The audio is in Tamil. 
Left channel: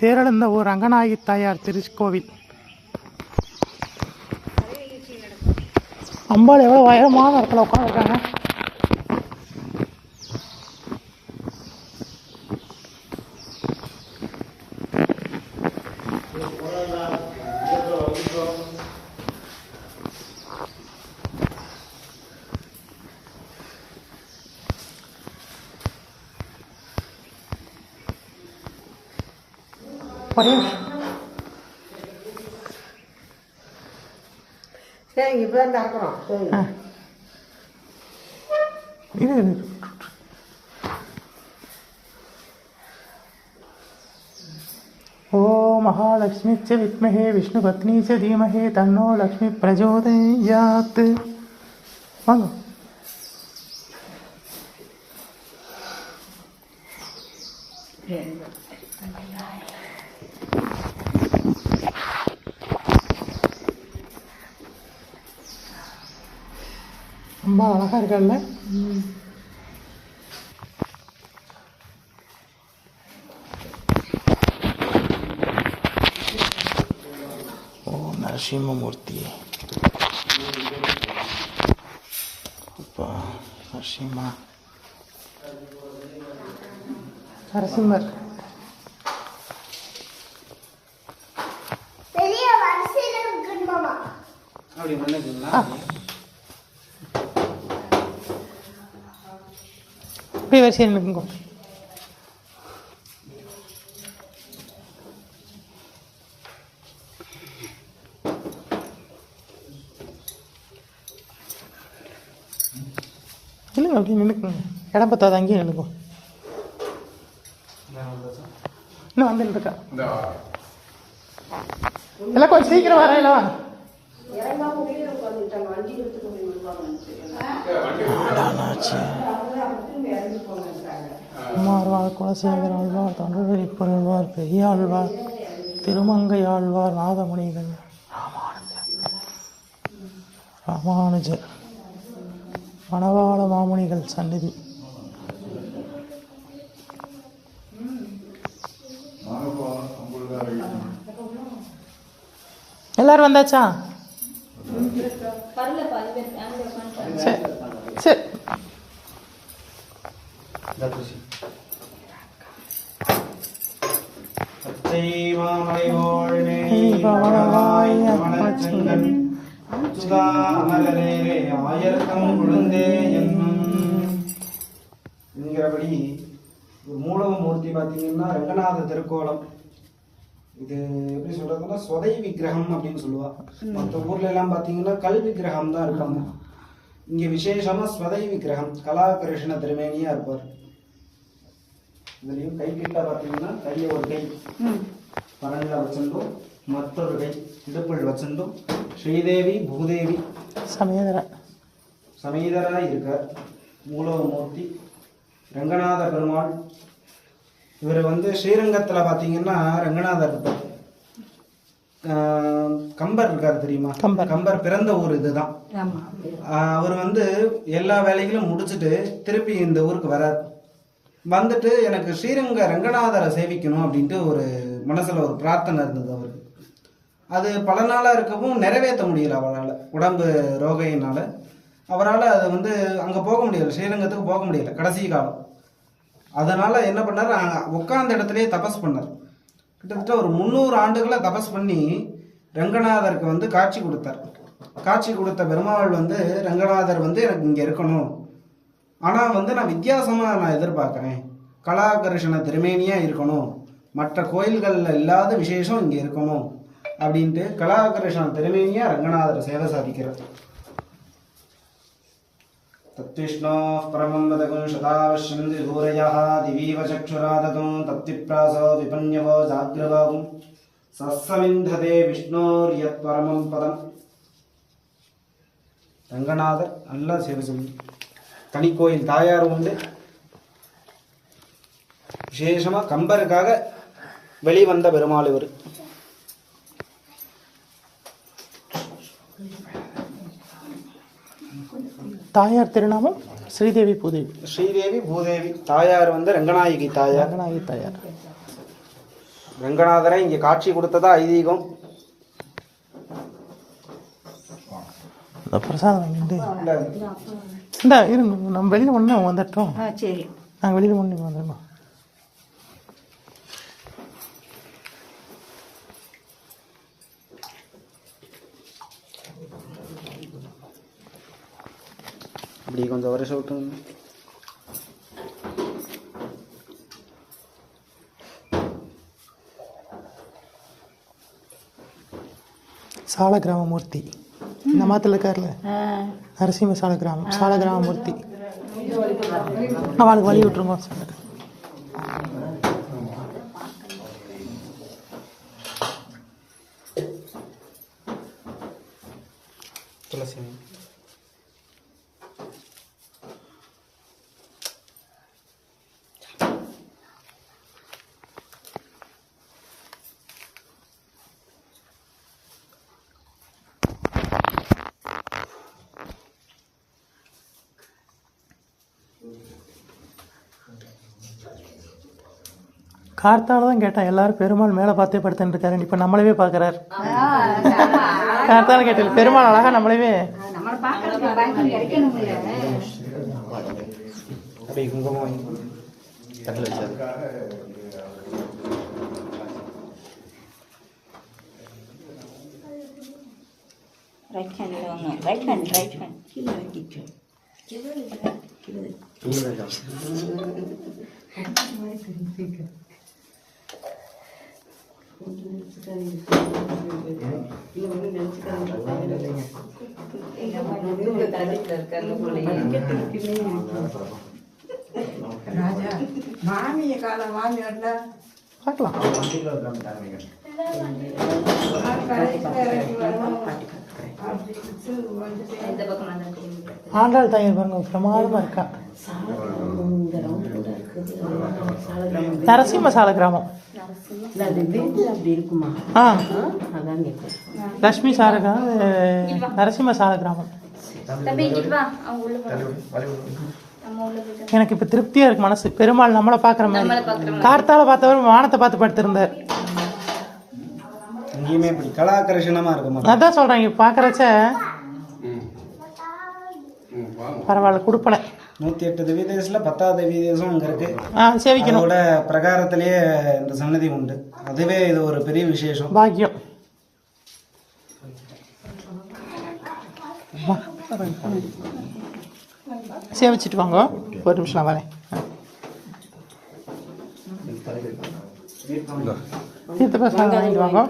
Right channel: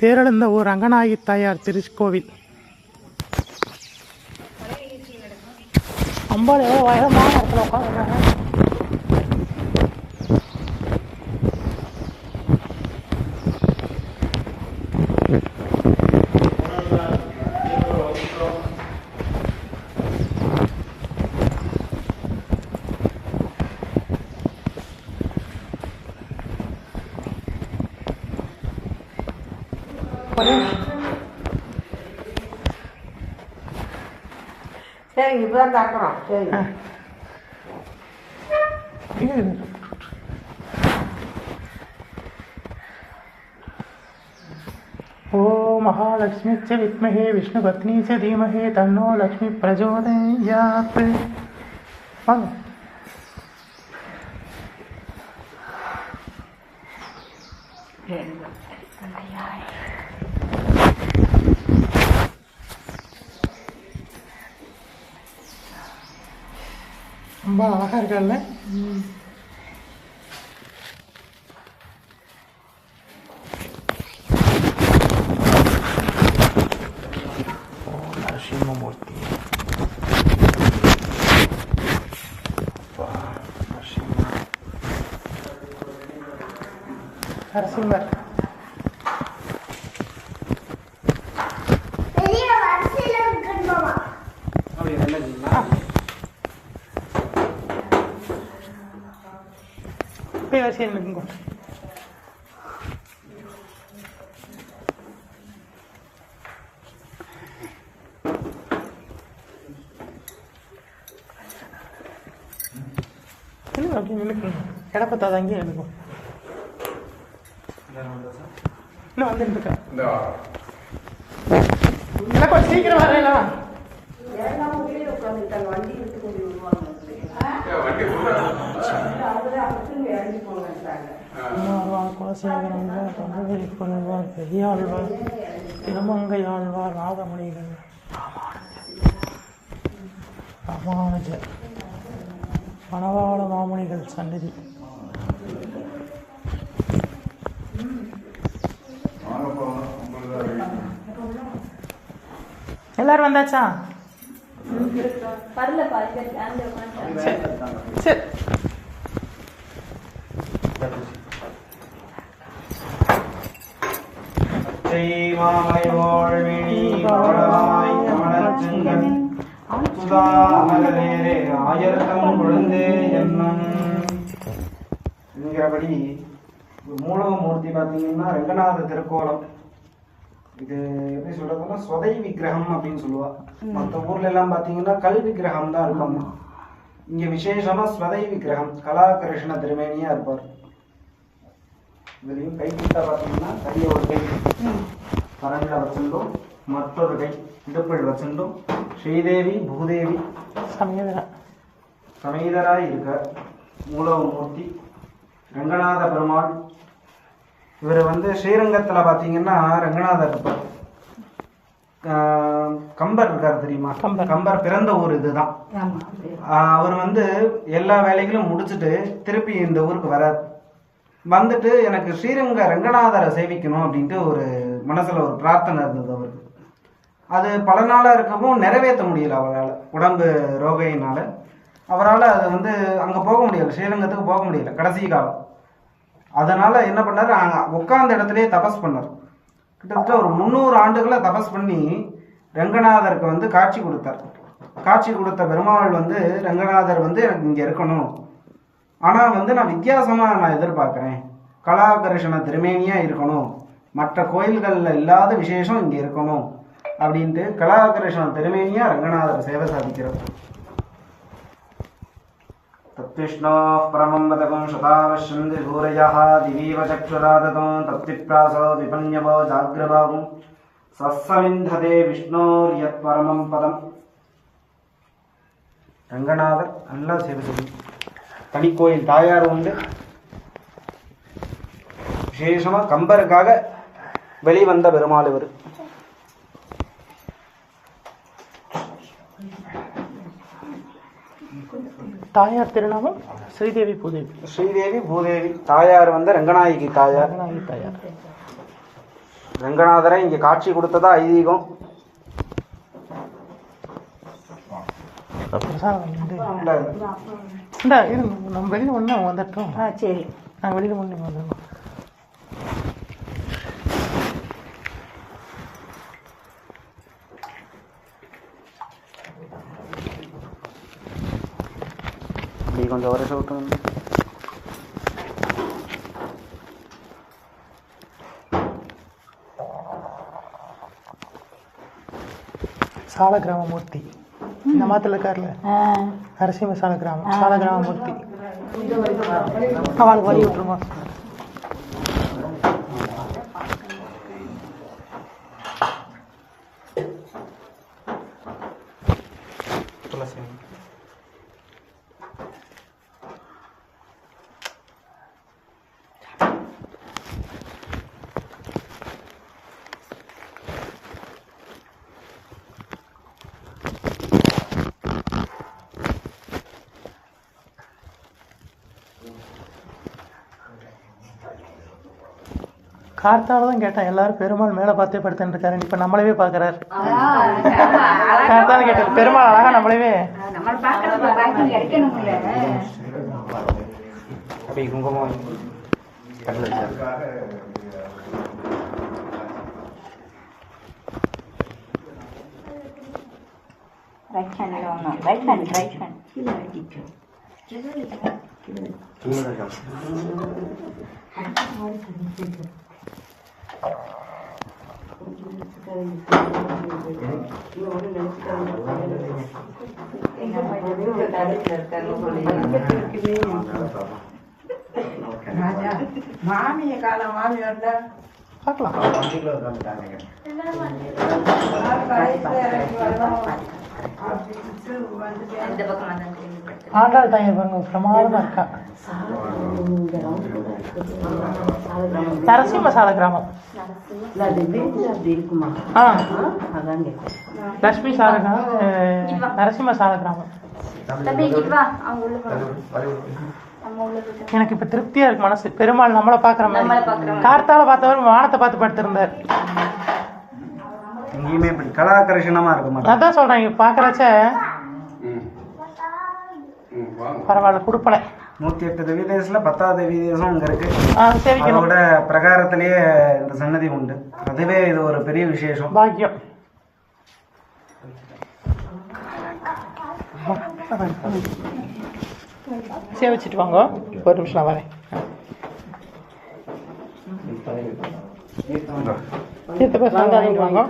தேரெழுந்த ஊர் ரங்கநாயகி தாயார் திருக்கோவில். அம்பாள் எவ்வளோ உயரமான இடத்துல உட்காந்துருக்காங்க. சரி இப்பதான் தாக்குறோம். சரி ओ महालक्ष्मी च विद्महे विष्णुपत्नी च धीमहि तन्नो लक्ष्मी प्रचोदयात्. ரொம்ப அழகாக இருக்கல்ல. நரசிம்மமூர்த்தி நரசிம்மர் இப்படி வரிசையில் நிற்குங்க. இல்லை அப்படி நின்றுக்குங்க. இடம் பத்தாது, அங்கேயே நின்றுக்கும். இன்னும் வந்து நின்றுக்கா இல்லை, கொஞ்சம் சீக்கிரம் வரையில அம்மாழ்வார், குலசேகரம்வார், தமிழ் பொருள்வார், பெரியாழ்வார், திருமங்கையாழ்வார், நாதமணிகள், ராமானுஜர், மணவாள மாமணிகள் சந்நிதி. எல்லாரும் வந்தாச்சா? சரி சரி. என்கிறபடி மூலமூர்த்தி பார்த்தீங்கன்னா ரங்கநாத திருக்கோலம். இது எப்படி சொல்றதுன்னா சொதை விக்கிரகம் அப்படின்னு சொல்லுவா. மற்ற ஊர்ல எல்லாம் பார்த்தீங்கன்னா கல் விக்கிரகம் தான் இருப்பாங்க. இங்க விசேஷமா ஸ்வதை விக்கிரகம், கலாகிருஷ்ண திருமேனியா இருப்பார். இதுலயும் கைக்கிட்ட பார்த்தீங்கன்னா கையை ஒரு கை பரங்கில வச்சிருந்தோம், மற்றொரு கை இடுப்பில் வச்சிருந்தோம். ஸ்ரீதேவி பூதேவி சமேதராய் இருக்க மூலமூர்த்தி ரங்கநாத பெருமாள். இவர் ஸ்ரீரங்கத்தில் பார்த்தீங்கன்னா ரங்கநாதர் இருப்பார். கம்பர் இருக்கார் தெரியுமா? கம்பர் பிறந்த ஊர் இதுதான். அவர் எல்லா வேலைகளும் முடிச்சுட்டு திருப்பி இந்த ஊருக்கு வரார். வந்துட்டு எனக்கு ஸ்ரீரங்க ரங்கநாதரை சேவிக்கணும் அப்படின்ட்டு ஒரு மனசுல ஒரு பிரார்த்தனை இருந்தது அவருக்கு. அது பல நாளாக இருக்கவும் நிறைவேற்ற முடியல அவரால், உடம்பு ரோகையினால. அவரால் அது அங்கே போக முடியல, ஸ்ரீரங்கத்துக்கு போக முடியல கடைசி காலம். அதனால என்ன பண்ணார், உட்கார்ந்த இடத்துலயே தபஸ் பண்ணார். கிட்டத்தட்ட ஒரு 300 ஆண்டுகளை தபஸ் பண்ணி ரங்கநாதருக்கு காட்சி கொடுத்தார். காட்சி கொடுத்த பெருமாள் ரங்கநாதர் எனக்கு இங்கே இருக்கணும், ஆனால் நான் வித்தியாசமாக நான் எதிர்பார்க்குறேன், கலாகர்ஷண திருமேனியாக இருக்கணும், மற்ற கோயில்களில் இல்லாத விசேஷம் இங்கே இருக்கணும் அப்படின்ட்டு கலாகர்ஷண திருமேனியாக ரங்கநாதர் சேவை சாதிக்கிறார். तत्विष्णोः परमं वदकं शतावश्यं त्रिभूरयः दिवीव चक्षुरादतं तत्विप्रासो विपन्यवो जाग्रवागुं सस्समिन्धते विष्णोर्यत् परमं पदं. ரங்கநாதர் நல்லா சேவை செய்யும். தனி கோயில் தாயார் உண்டு. விசேஷமாக கம்பருக்காக வெளிவந்த பெருமாள் இவர். தாயார் திருநாமம் ஸ்ரீதேவி பூதேவி. ஸ்ரீதேவி பூதேவி. தாயார் வந்து ரங்கநாயகி தாயார். ரங்கநாயகி தாயார். ரங்கநாதரை இங்கே காட்சி கொடுத்ததா ஐதீகம். இந்த பிரசாதம் இந்த இருங்க, நம்ம வெளியில் ஒன்று வந்துட்டோம். சரி, நாங்கள் வெளியில் ஒன்று வந்துடணும். இப்படி கொஞ்சம் வருஷம் விட்டு சாலகிராமமூர்த்தி இந்த மாத்தில் இருக்கார்ல, நரசிம்ம சாலகிராமமூர்த்தி. அவனுக்கு வழி விட்டுருங்க. துளசி கார்த்தால தான் கேட்டேன், எல்லாரும் பெருமாள் மேலே பார்த்தே படுத்துட்டு இருக்காரு, இப்போ நம்மளவே பார்க்குறாரு. கார்த்தால கேட்டேன், பெருமாள் அழகா நம்மளவே அப்படி குங்குமம் பட்டில் வச்சாரு. ரைட் ஹேண்ட் மாமிய கால மாமி வந்தா பார்க்கலாம். ஆண்டாள் தாயார் பாருங்க, பிரமாதமாக இருக்கா. நரசிம்ம சாலகிராமம். இருக்குமா? லட்சுமி சாலகிராமம், நரசிம்ம சாலகிராமம். எனக்கு இப்ப திருப்தியா இருக்கு மனசு. பெருமாள் நம்மளை பாக்குற மாதிரி. கார்த்தால பார்த்தவர் வானத்தை பார்த்து படுத்திருந்தார். எங்கேயுமே இப்படி கலாகர்ஷணமா இருக்கும். அதான் சொல்றேன், இங்க பாக்குறச்ச பரவாயில்ல, கொடுப்பல. 108 திவ்ய தேசத்துல 10வது திவ்ய தேசம் இங்க இருக்கு. சேவிக்கணும். அதோட பிரகாரத்திலேயே இந்த சன்னதி உண்டு. அதுவே இது ஒரு பெரிய விசேஷம், பாக்கியம். சேவிச்சுட்டு வாங்க, ஒரு நிமிஷம் வரேன். தீர்த்த பிரசாதம் வாங்கிட்டு வாங்க.